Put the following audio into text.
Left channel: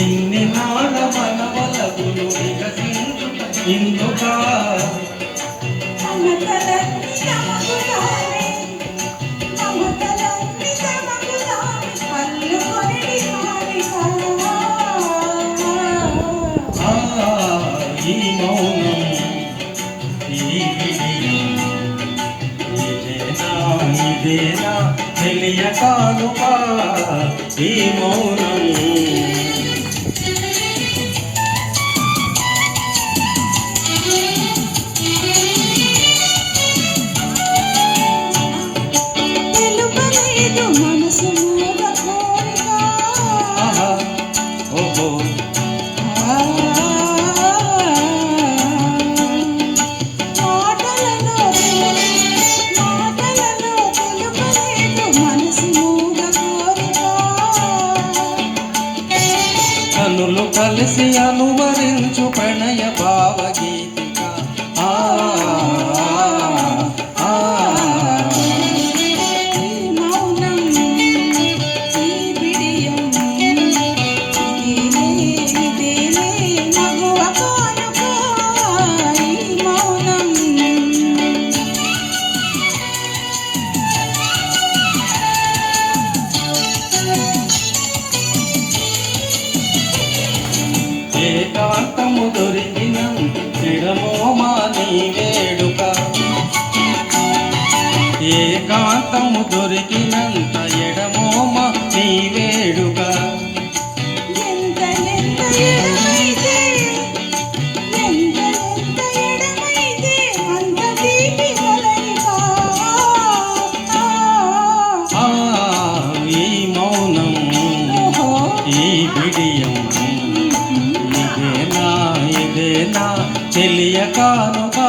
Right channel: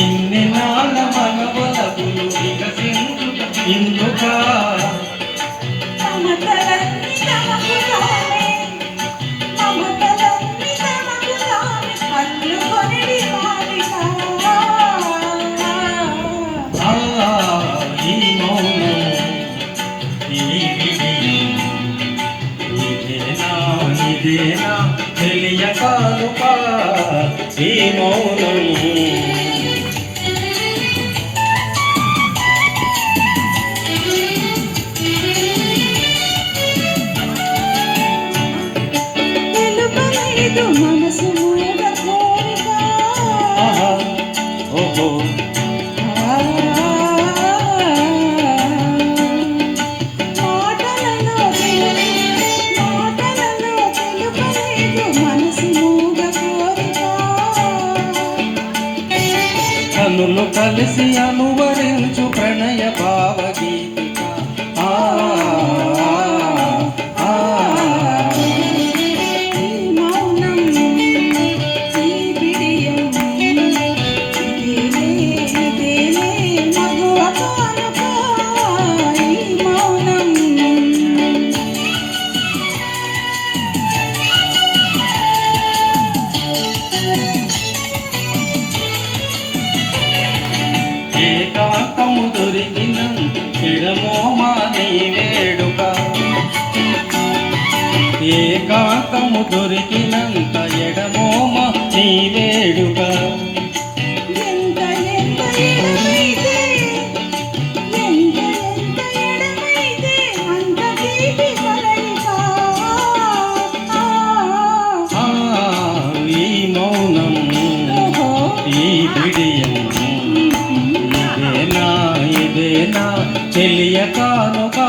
ఇన్ని నాగ మనవలపులు వికసించుట ఇందుకా ఈ మౌనం ఈ విడియం ఇదేనా తెలియకానుపా ఈ మౌనం మనసు మూల కోరిక ఓహో కనులు కలిసి అనువరించు ప్రణయ భావగీతిక ఏకాంతము దొరికినంత ఎడమోమా నీ వేడుక ఏకాంతము దొరికినంత ఎడమోమా నీ వేడుక ఈ మౌనం ఈ బిడియం ఇదేనా తెలియకానుగా